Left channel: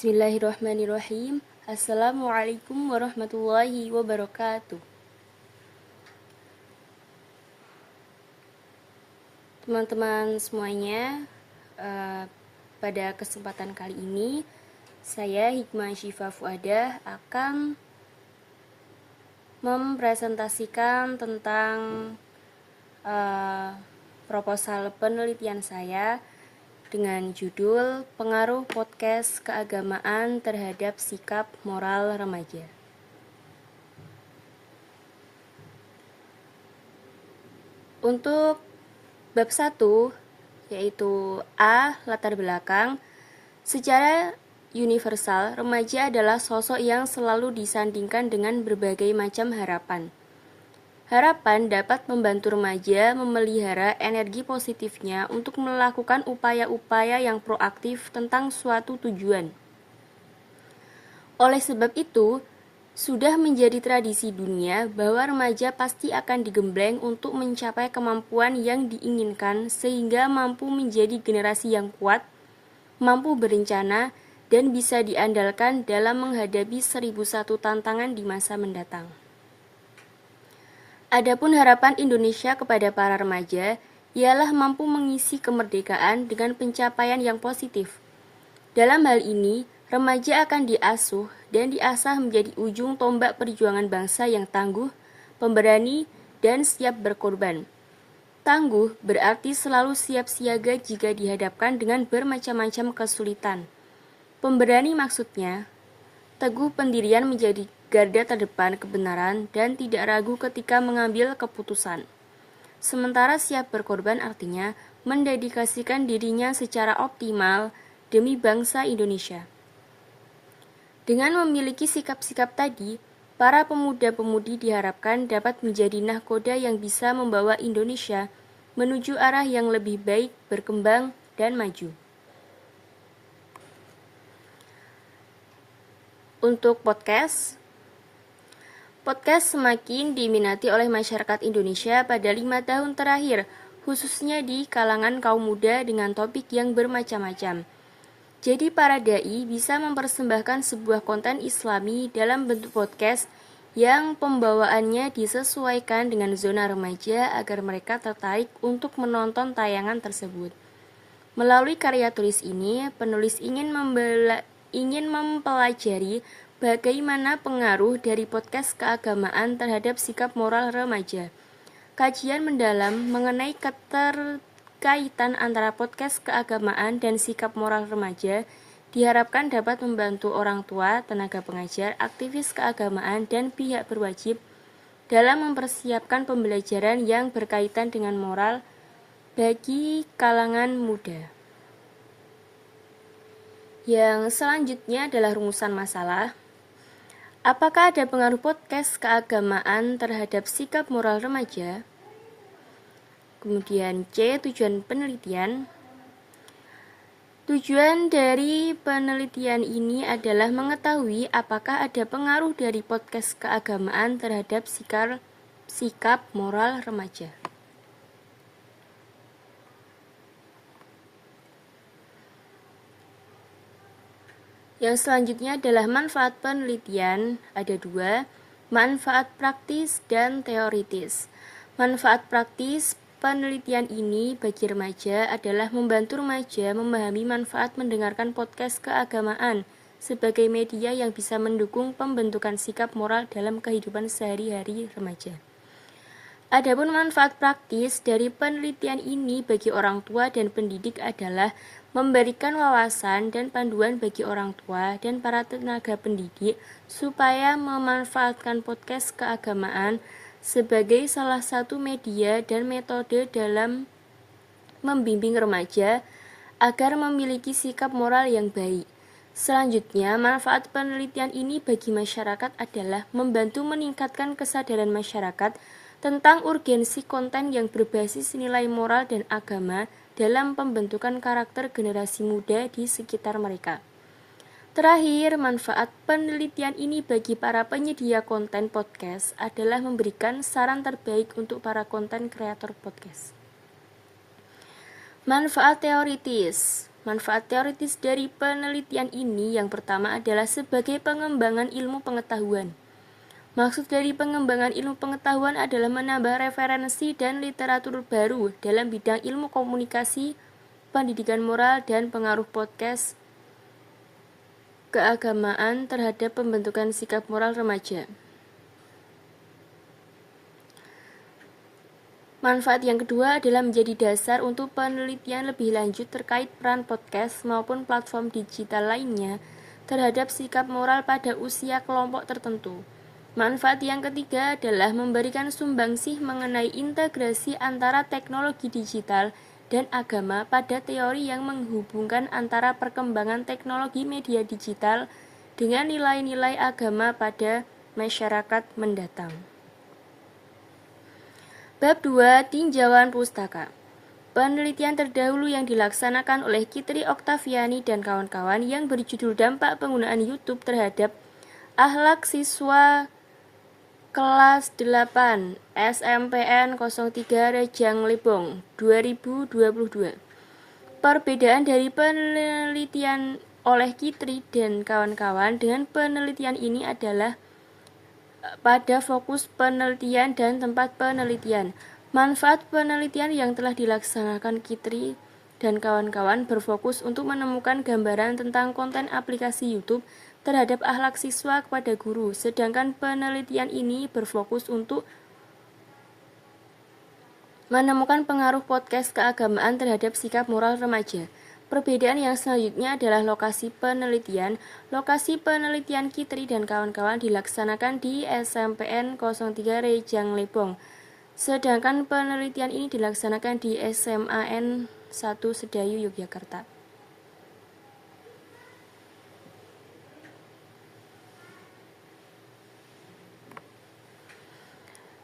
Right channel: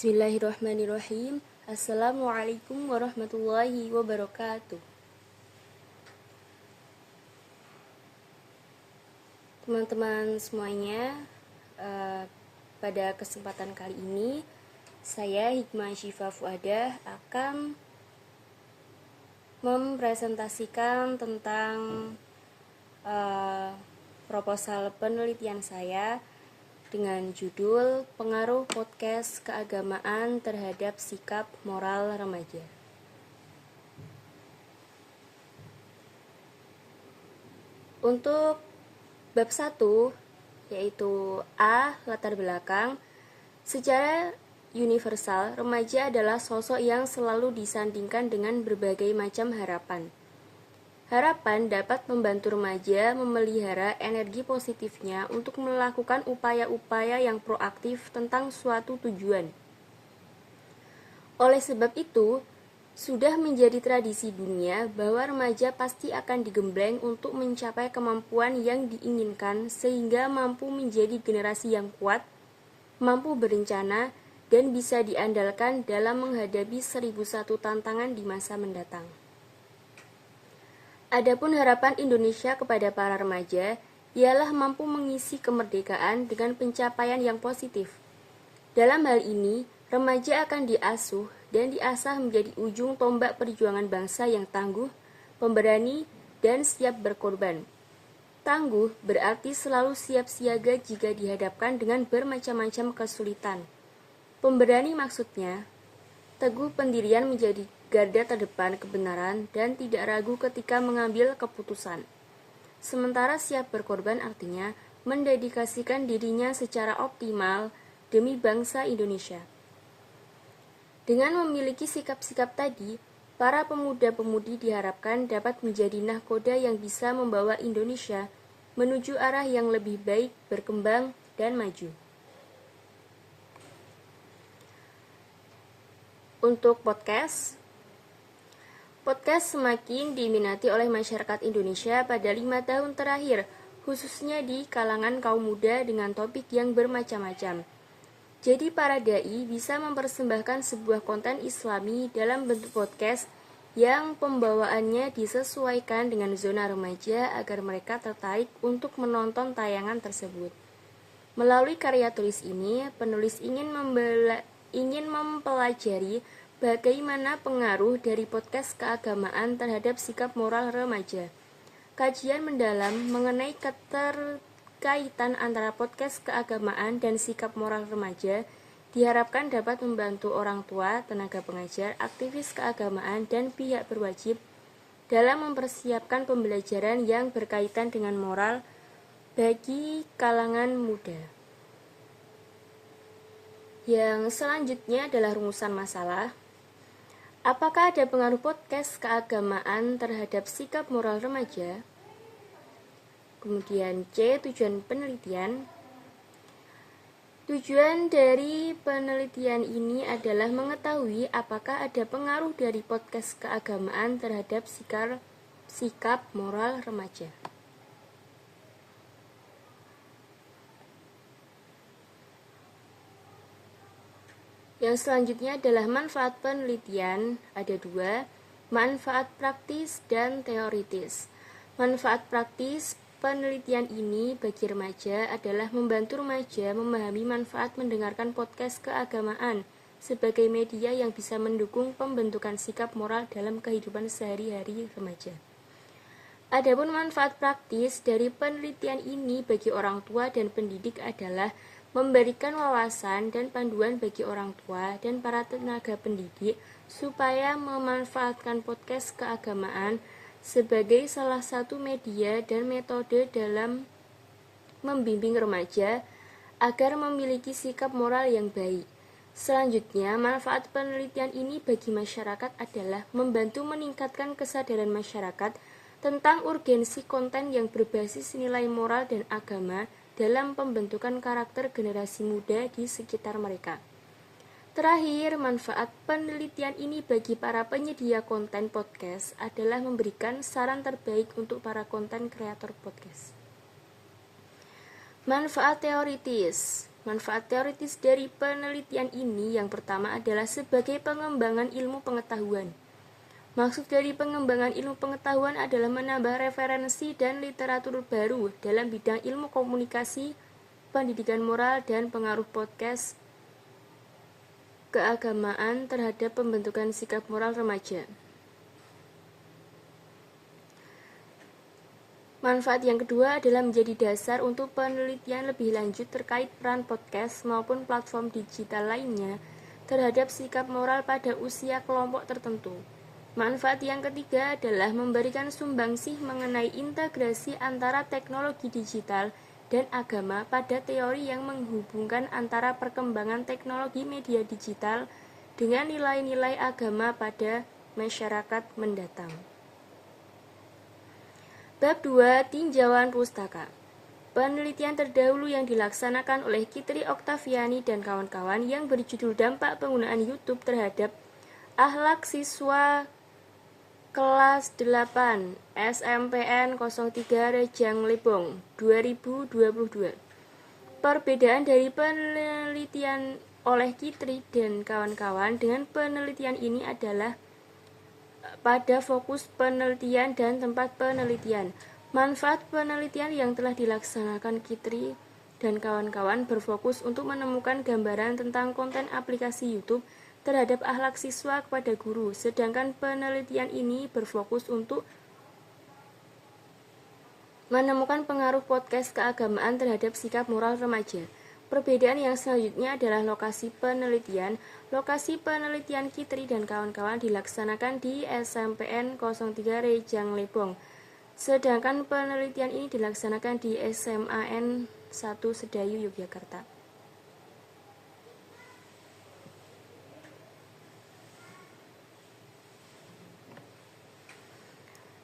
Bismillahirrahmanirrahim. Assalamualaikum warahmatullahi wabarakatuh. Teman-teman semuanya, pada kesempatan kali ini saya Hikmah Syifa Fuadah akan mempresentasikan tentang proposal penelitian saya dengan judul Pengaruh Podcast Keagamaan Terhadap Sikap Moral Remaja. Untuk bab 1, yaitu A. Latar belakang. Secara universal, remaja adalah sosok yang selalu disandingkan dengan berbagai macam harapan. Harapan dapat membantu remaja memelihara energi positifnya untuk melakukan upaya-upaya yang proaktif tentang suatu tujuan. Oleh sebab itu, sudah menjadi tradisi dunia bahwa remaja pasti akan digembleng untuk mencapai kemampuan yang diinginkan sehingga mampu menjadi generasi yang kuat, mampu berencana, dan bisa diandalkan dalam menghadapi 1001 tantangan di masa mendatang. Adapun harapan Indonesia kepada para remaja ialah mampu mengisi kemerdekaan dengan pencapaian yang positif. Dalam hal ini, remaja akan diasuh dan diasah menjadi ujung tombak perjuangan bangsa yang tangguh, pemberani, dan siap berkorban. Tangguh berarti selalu siap siaga jika dihadapkan dengan bermacam-macam kesulitan. Pemberani maksudnya, teguh pendirian menjadi garda terdepan kebenaran dan tidak ragu ketika mengambil keputusan. Sementara siap berkorban artinya mendedikasikan dirinya secara optimal demi bangsa Indonesia. Dengan memiliki sikap-sikap tadi, para pemuda-pemudi diharapkan dapat menjadi nahkoda yang bisa membawa Indonesia menuju arah yang lebih baik, berkembang, dan maju. Untuk podcast semakin diminati oleh masyarakat Indonesia pada 5 tahun terakhir, khususnya di kalangan kaum muda dengan topik yang bermacam-macam. Jadi para dai bisa mempersembahkan sebuah konten Islami dalam bentuk podcast yang pembawaannya disesuaikan dengan zona remaja agar mereka tertarik untuk menonton tayangan tersebut. Melalui karya tulis ini, penulis ingin mempelajari bagaimana pengaruh dari podcast keagamaan terhadap sikap moral remaja. Kajian mendalam mengenai keterkaitan antara podcast keagamaan dan sikap moral remaja diharapkan dapat membantu orang tua, tenaga pengajar, aktivis keagamaan, dan pihak berwajib dalam mempersiapkan pembelajaran yang berkaitan dengan moral bagi kalangan muda. Yang selanjutnya adalah rumusan masalah. Apakah ada pengaruh podcast keagamaan terhadap sikap moral remaja? Kemudian C. Tujuan penelitian. Tujuan dari penelitian ini adalah mengetahui apakah ada pengaruh dari podcast keagamaan terhadap sikap moral remaja. Yang selanjutnya adalah manfaat penelitian, ada 2, manfaat praktis dan teoritis. Manfaat praktis penelitian ini bagi remaja adalah membantu remaja memahami manfaat mendengarkan podcast keagamaan sebagai media yang bisa mendukung pembentukan sikap moral dalam kehidupan sehari-hari remaja. Adapun manfaat praktis dari penelitian ini bagi orang tua dan pendidik adalah memberikan wawasan dan panduan bagi orang tua dan para tenaga pendidik supaya memanfaatkan podcast keagamaan sebagai salah satu media dan metode dalam membimbing remaja agar memiliki sikap moral yang baik. Selanjutnya, manfaat penelitian ini bagi masyarakat adalah membantu meningkatkan kesadaran masyarakat tentang urgensi konten yang berbasis nilai moral dan agama dalam pembentukan karakter generasi muda di sekitar mereka. Terakhir, manfaat penelitian ini bagi para penyedia konten podcast adalah memberikan saran terbaik untuk para konten kreator podcast. Manfaat teoritis. Manfaat teoritis dari penelitian ini yang pertama adalah sebagai pengembangan ilmu pengetahuan. Maksud dari pengembangan ilmu pengetahuan adalah menambah referensi dan literatur baru dalam bidang ilmu komunikasi, pendidikan moral, dan pengaruh podcast keagamaan terhadap pembentukan sikap moral remaja. Manfaat yang kedua adalah menjadi dasar untuk penelitian lebih lanjut terkait peran podcast maupun platform digital lainnya terhadap sikap moral pada usia kelompok tertentu. Manfaat yang ketiga adalah memberikan sumbangsih mengenai integrasi antara teknologi digital dan agama pada teori yang menghubungkan antara perkembangan teknologi media digital dengan nilai-nilai agama pada masyarakat mendatang. Bab 2. Tinjauan pustaka. Penelitian terdahulu yang dilaksanakan oleh Kitri Oktaviani dan kawan-kawan yang berjudul Dampak Penggunaan YouTube terhadap Akhlak Siswa Kelas 8 SMPN 03 Rejang Lebong 2022. Perbedaan dari penelitian oleh Kitri dan kawan-kawan dengan penelitian ini adalah pada fokus penelitian dan tempat penelitian. Manfaat penelitian yang telah dilaksanakan Kitri dan kawan-kawan berfokus untuk menemukan gambaran tentang konten aplikasi YouTube terhadap akhlak siswa kepada guru, sedangkan penelitian ini berfokus untuk menemukan pengaruh podcast keagamaan terhadap sikap moral remaja. Perbedaan yang selanjutnya adalah lokasi penelitian. Lokasi penelitian Kitri dan kawan-kawan dilaksanakan di SMPN 03 Rejang Lebong, sedangkan penelitian ini dilaksanakan di SMAN 1 Sedayu, Yogyakarta.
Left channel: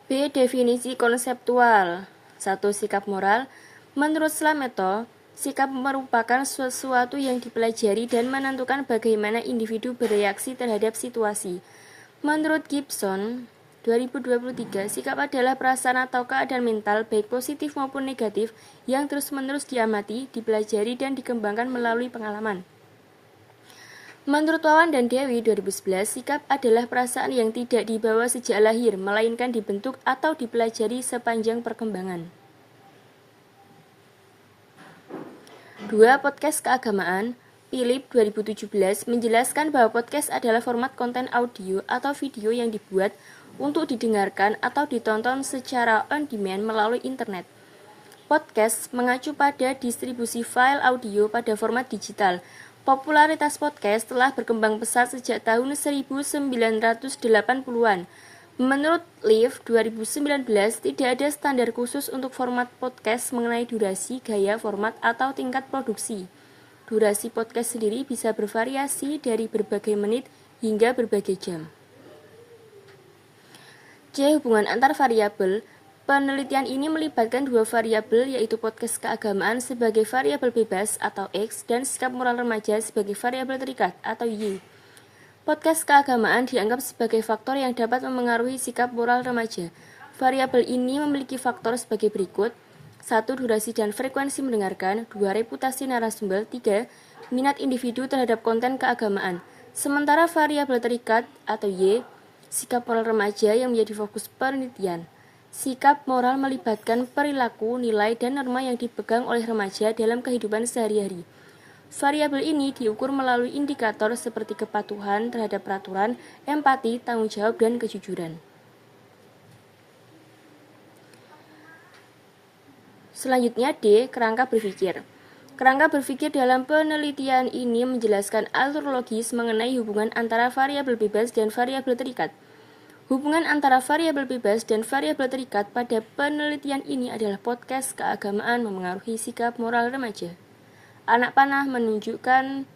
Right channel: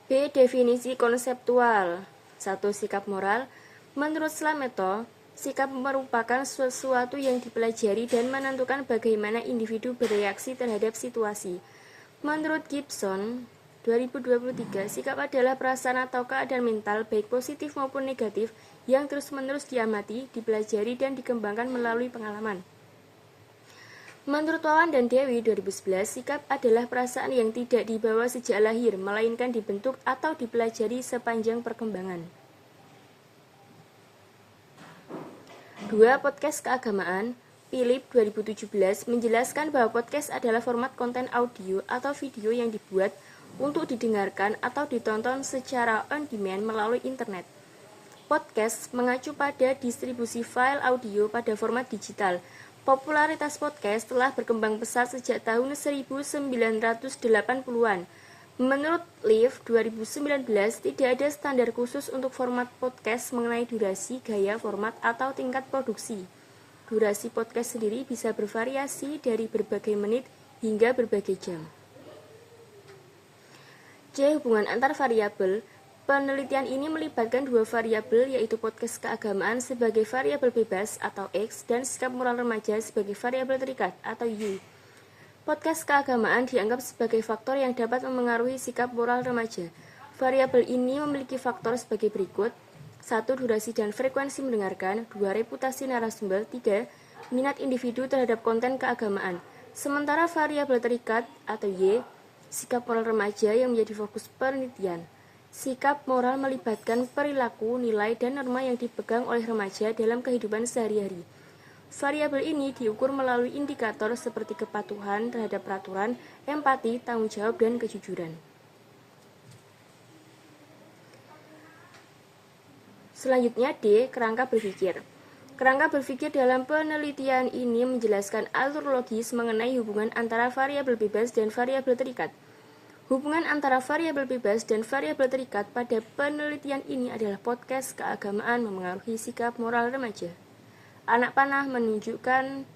B. Definisi konseptual. 1. Sikap moral. Menurut Slameto, sikap merupakan sesuatu yang dipelajari dan menentukan bagaimana individu bereaksi terhadap situasi. Menurut Gibson, 2023, sikap adalah perasaan atau keadaan mental, baik positif maupun negatif, yang terus-menerus diamati, dipelajari, dan dikembangkan melalui pengalaman. Menurut Wawan dan Dewi 2011, sikap adalah perasaan yang tidak dibawa sejak lahir, melainkan dibentuk atau dipelajari sepanjang perkembangan. 2. Podcast keagamaan. Philip 2017 menjelaskan bahwa podcast adalah format konten audio atau video yang dibuat untuk didengarkan atau ditonton secara on demand melalui internet. Podcast mengacu pada distribusi file audio pada format digital. Popularitas podcast telah berkembang pesat sejak tahun 1980-an. Menurut Liv 2019, tidak ada standar khusus untuk format podcast mengenai durasi, gaya, format, atau tingkat produksi. Durasi podcast sendiri bisa bervariasi dari berbagai menit hingga berbagai jam. C. Hubungan antar variabel. Penelitian ini melibatkan dua variabel, yaitu podcast keagamaan sebagai variabel bebas atau X dan sikap moral remaja sebagai variabel terikat atau Y. Podcast keagamaan dianggap sebagai faktor yang dapat memengaruhi sikap moral remaja. Variabel ini memiliki faktor sebagai berikut: 1. Durasi dan frekuensi mendengarkan. 2. Reputasi narasumber. 3. Minat individu terhadap konten keagamaan. Sementara variabel terikat atau Y, sikap moral remaja yang menjadi fokus penelitian. Sikap moral melibatkan perilaku, nilai, dan norma yang dipegang oleh remaja dalam kehidupan sehari-hari. Variabel ini diukur melalui indikator seperti kepatuhan terhadap peraturan, empati, tanggung jawab, dan kejujuran. Selanjutnya D. Kerangka berpikir. Kerangka berpikir dalam penelitian ini menjelaskan alur logis mengenai hubungan antara variabel bebas dan variabel terikat. Hubungan antara variabel bebas dan variabel terikat pada penelitian ini adalah podcast keagamaan memengaruhi sikap moral remaja. Anak panah menunjukkan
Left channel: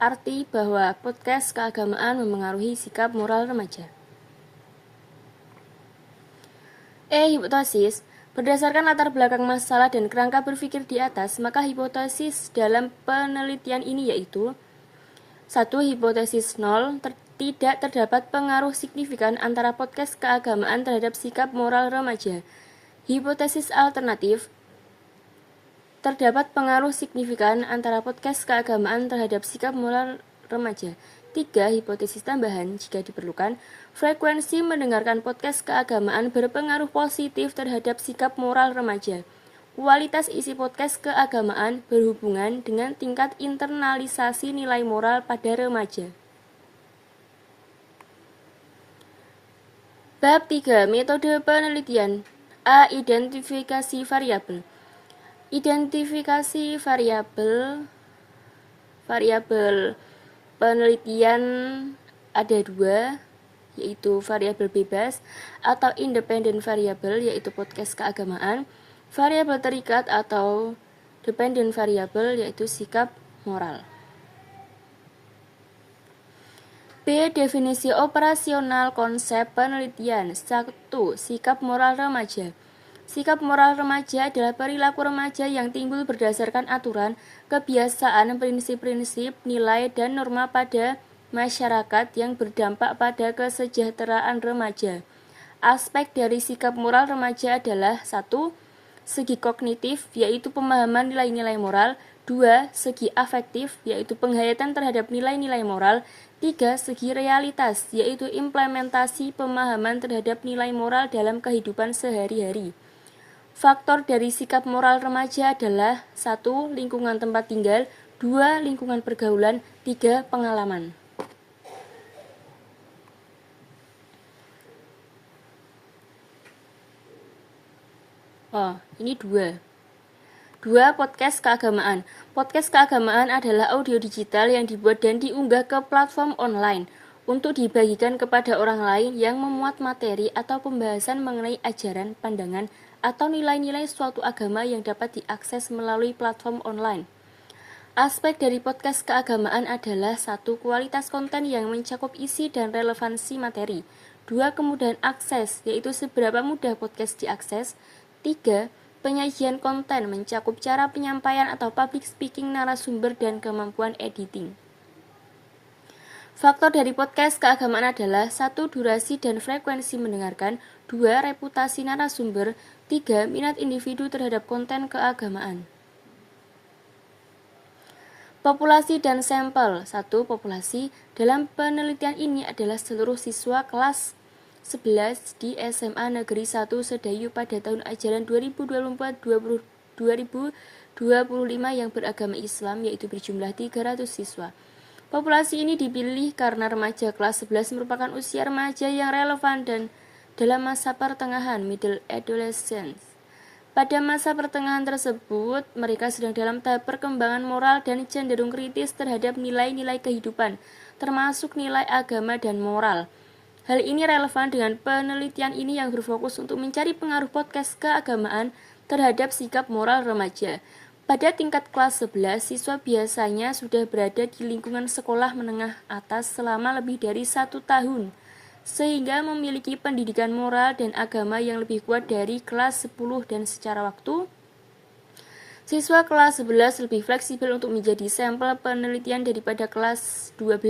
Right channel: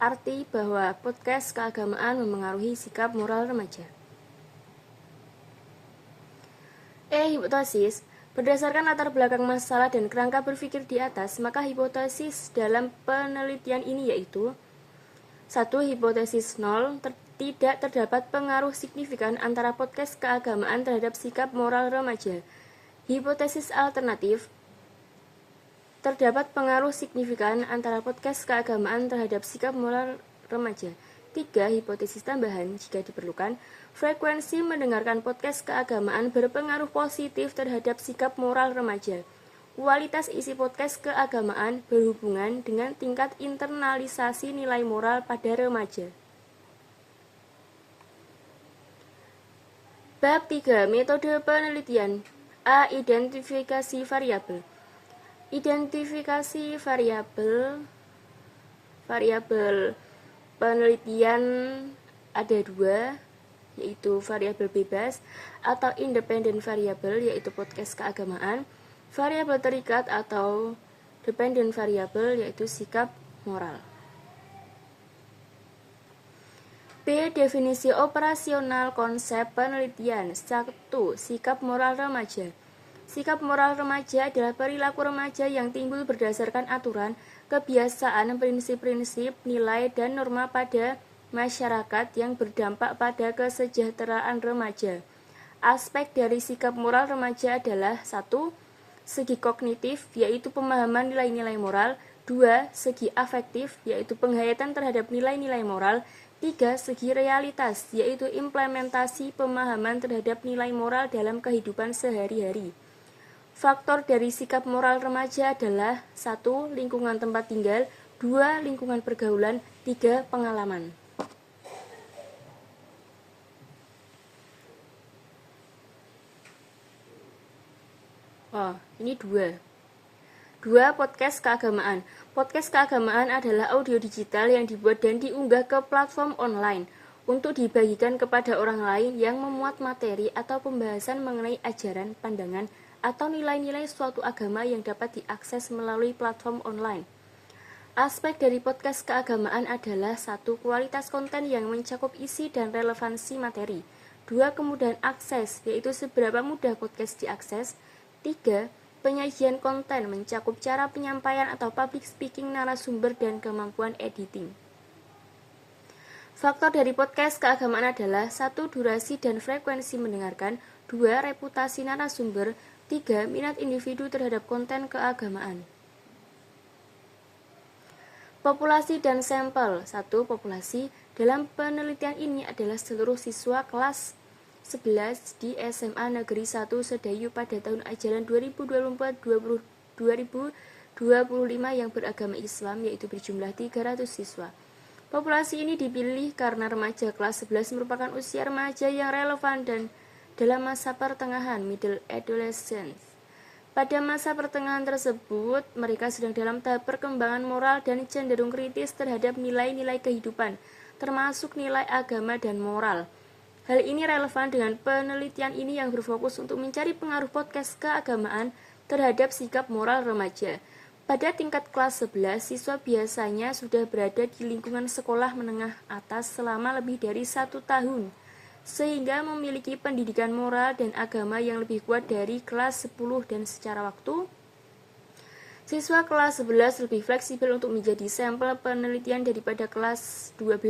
arti bahwa podcast keagamaan memengaruhi sikap moral remaja. Hipotesis. Berdasarkan latar belakang masalah dan kerangka berpikir di atas, maka hipotesis dalam penelitian ini yaitu 1. Hipotesis 0. Tidak terdapat pengaruh signifikan antara podcast keagamaan terhadap sikap moral remaja. Hipotesis alternatif. Terdapat pengaruh signifikan antara podcast keagamaan terhadap sikap moral remaja. 3. Hipotesis tambahan, jika diperlukan, frekuensi mendengarkan podcast keagamaan berpengaruh positif terhadap sikap moral remaja. Kualitas isi podcast keagamaan berhubungan dengan tingkat internalisasi nilai moral pada remaja. Bab 3. Metode penelitian. A. Identifikasi variabel. Identifikasi variabel penelitian ada dua, yaitu variabel bebas atau independent variable, yaitu podcast keagamaan, variabel terikat atau dependent variable, yaitu sikap moral. B. Definisi operasional konsep penelitian. 1. Sikap moral remaja. Sikap moral remaja adalah perilaku remaja yang timbul berdasarkan aturan, kebiasaan, prinsip-prinsip, nilai, dan norma pada masyarakat yang berdampak pada kesejahteraan remaja. Aspek dari sikap moral remaja adalah 1. Segi kognitif, yaitu pemahaman nilai-nilai moral. 2. Segi afektif, yaitu penghayatan terhadap nilai-nilai moral. 3. Segi realitas, yaitu implementasi pemahaman terhadap nilai moral dalam kehidupan sehari-hari. Faktor dari sikap moral remaja adalah 1. Lingkungan tempat tinggal. 2. Lingkungan pergaulan. 3. Pengalaman. Ini 2. 2. Podcast keagamaan. Podcast keagamaan adalah audio digital yang dibuat dan diunggah ke platform online untuk dibagikan kepada orang lain yang memuat materi atau pembahasan mengenai ajaran, pandangan, atau nilai-nilai suatu agama yang dapat diakses melalui platform online. Aspek dari podcast keagamaan adalah 1. Kualitas konten yang mencakup isi dan relevansi materi. 2. Kemudahan akses, yaitu seberapa mudah podcast diakses. 3. Penyajian konten mencakup cara penyampaian atau public speaking narasumber dan kemampuan editing. Faktor dari podcast keagamaan adalah 1. Durasi dan frekuensi mendengarkan. 2. Reputasi narasumber. 3. Minat individu terhadap konten keagamaan. Populasi dan sampel. 1. Populasi. Dalam penelitian ini adalah seluruh siswa kelas 11 di SMA Negeri 1 Sedayu pada tahun ajaran 2024-2025 yang beragama Islam, yaitu berjumlah 300 siswa. Populasi ini dipilih karena remaja kelas 11 merupakan usia remaja yang relevan dan dalam masa pertengahan middle adolescence. Pada masa pertengahan tersebut, mereka sedang dalam tahap perkembangan moral dan cenderung kritis terhadap nilai-nilai kehidupan, termasuk nilai agama dan moral. Hal ini relevan dengan penelitian ini yang berfokus untuk mencari pengaruh podcast keagamaan terhadap sikap moral remaja. Pada tingkat kelas 11, siswa biasanya sudah berada di lingkungan sekolah menengah atas selama lebih dari 1 tahun, sehingga memiliki pendidikan moral dan agama yang lebih kuat dari kelas 10 dan secara waktu. Siswa kelas 11 lebih fleksibel untuk menjadi sampel penelitian daripada kelas 12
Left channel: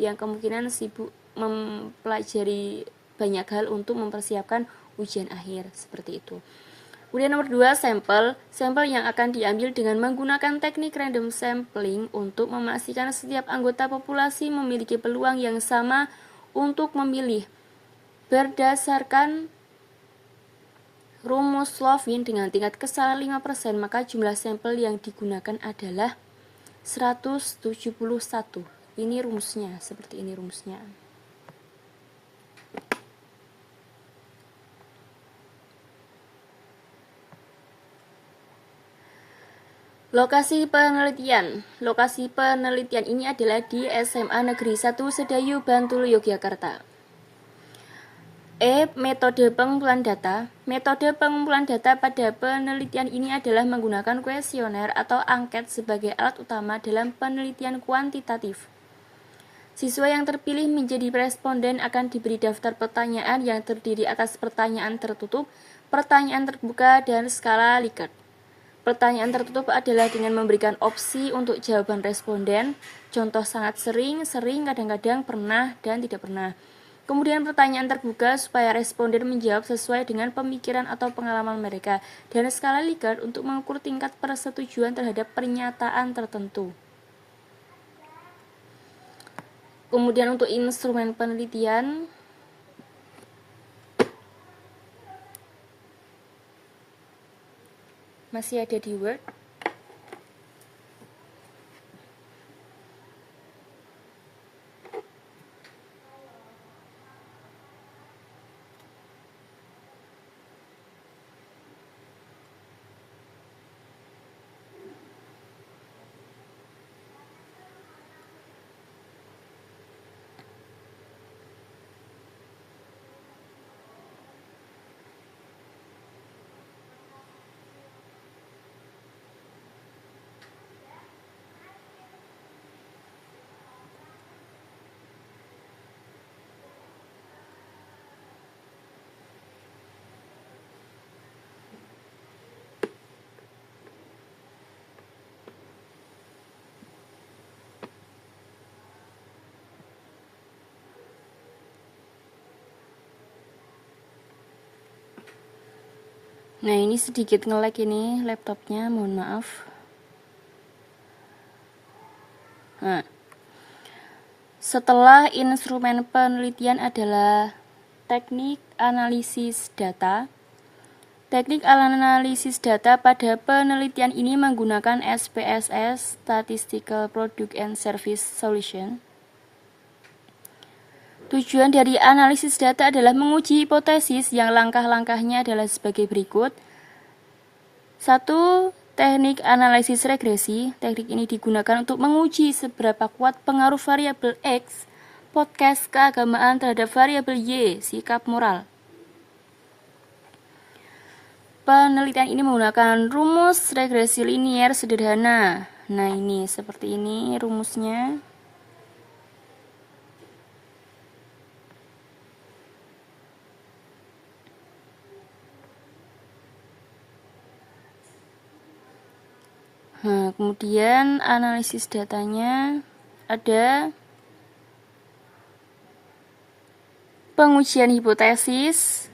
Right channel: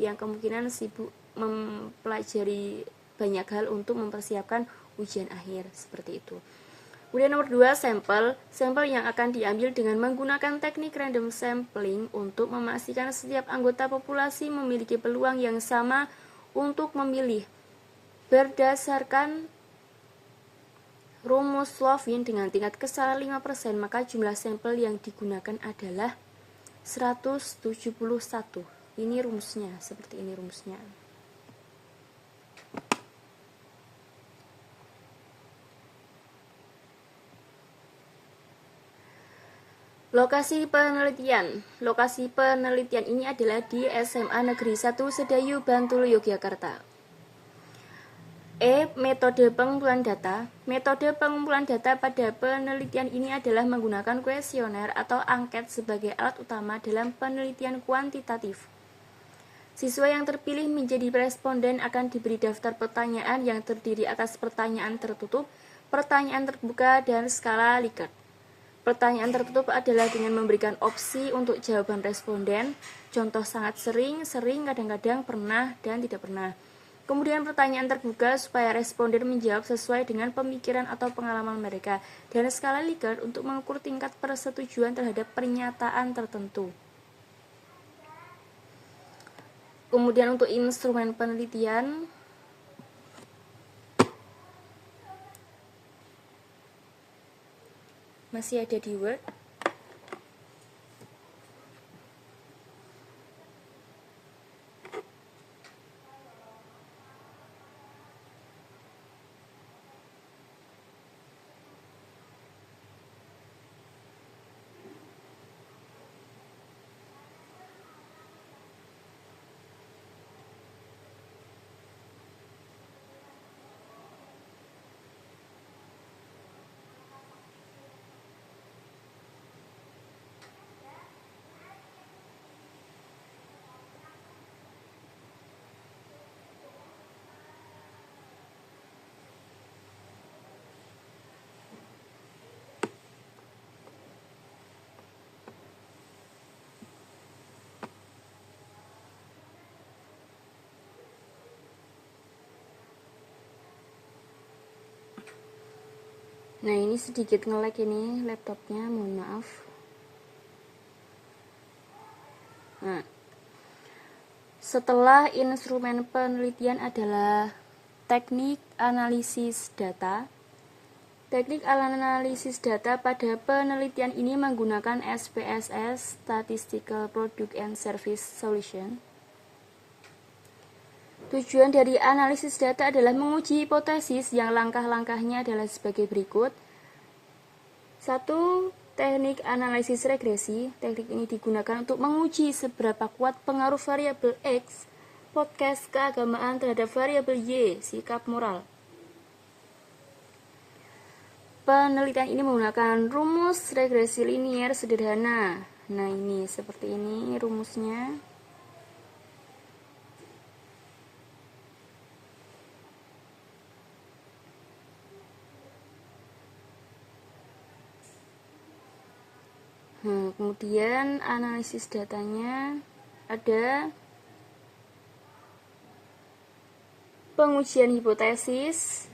yang kemungkinan sibuk mempelajari banyak hal untuk mempersiapkan ujian akhir, seperti itu. Kemudian nomor 2, sampel yang akan diambil dengan menggunakan teknik random sampling untuk memastikan setiap anggota populasi memiliki peluang yang sama untuk memilih. Berdasarkan rumus Slovin dengan tingkat kesalahan 5%, maka jumlah sampel yang digunakan adalah 171. Ini rumusnya, seperti ini rumusnya. Lokasi penelitian. Lokasi penelitian ini adalah di SMA Negeri 1 Sedayu, Bantul, Yogyakarta. Metode pengumpulan data. Metode pengumpulan data pada penelitian ini adalah menggunakan kuesioner atau angket sebagai alat utama dalam penelitian kuantitatif. Siswa yang terpilih menjadi responden akan diberi daftar pertanyaan yang terdiri atas pertanyaan tertutup, pertanyaan terbuka, dan skala Likert. Pertanyaan tertutup adalah dengan memberikan opsi untuk jawaban responden, contoh sangat sering, kadang-kadang, pernah, dan tidak pernah. Kemudian pertanyaan terbuka supaya responden menjawab sesuai dengan pemikiran atau pengalaman mereka, dan skala Likert untuk mengukur tingkat persetujuan terhadap pernyataan tertentu. Kemudian untuk instrumen penelitian, masih ada di Word. Nah, ini sedikit nge-lag ini laptopnya, mohon maaf. Nah, setelah instrumen penelitian adalah teknik analisis data. Teknik analisis data pada penelitian ini menggunakan SPSS, Statistical Product and Service Solution. Tujuan dari analisis data adalah menguji hipotesis yang langkah-langkahnya adalah sebagai berikut. 1. Teknik analisis regresi. Teknik ini digunakan untuk menguji seberapa kuat pengaruh variabel X, podcast keagamaan terhadap variabel Y, sikap moral. Penelitian ini menggunakan rumus regresi linier sederhana. Nah, ini seperti ini rumusnya. Nah, kemudian analisis datanya ada pengujian hipotesis.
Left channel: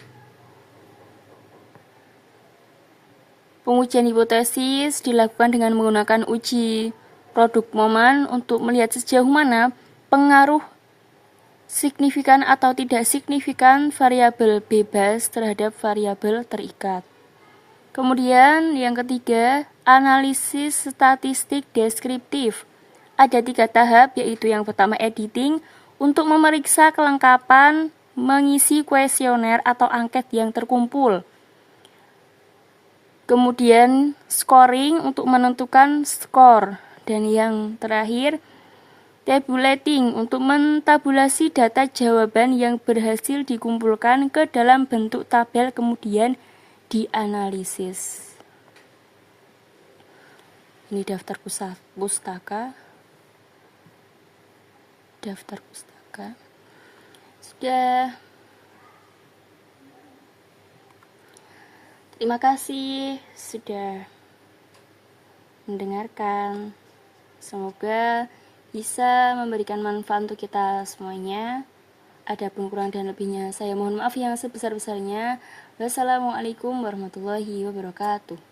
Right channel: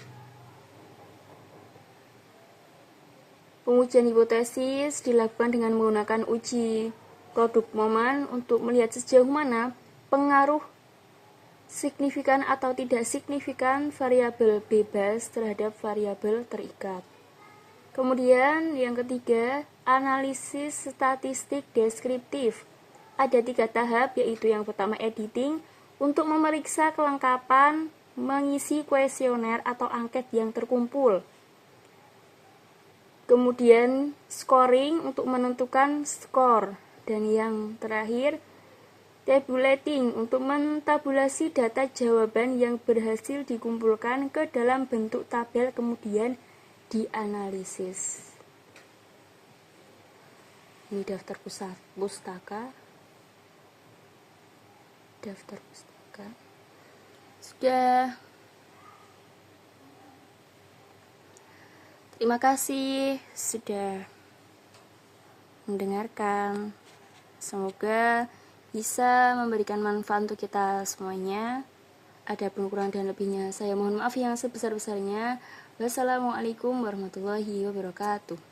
Pengujian hipotesis dilakukan dengan menggunakan uji produk momen untuk melihat sejauh mana pengaruh signifikan atau tidak signifikan variabel bebas terhadap variabel terikat. Kemudian yang ketiga, analisis statistik deskriptif. Ada 3 tahap, yaitu yang pertama editing, untuk memeriksa kelengkapan mengisi kuesioner atau angket yang terkumpul. Kemudian scoring untuk menentukan skor. Dan yang terakhir, tabulating untuk mentabulasi data jawaban yang berhasil dikumpulkan ke dalam bentuk tabel kemudian dianalisis. Ini daftar pustaka. Sudah. Terima kasih sudah mendengarkan. Semoga bisa memberikan manfaat untuk kita semuanya. Adapun kurang dan lebihnya saya mohon maaf yang sebesar-besarnya. Wassalamualaikum warahmatullahi wabarakatuh.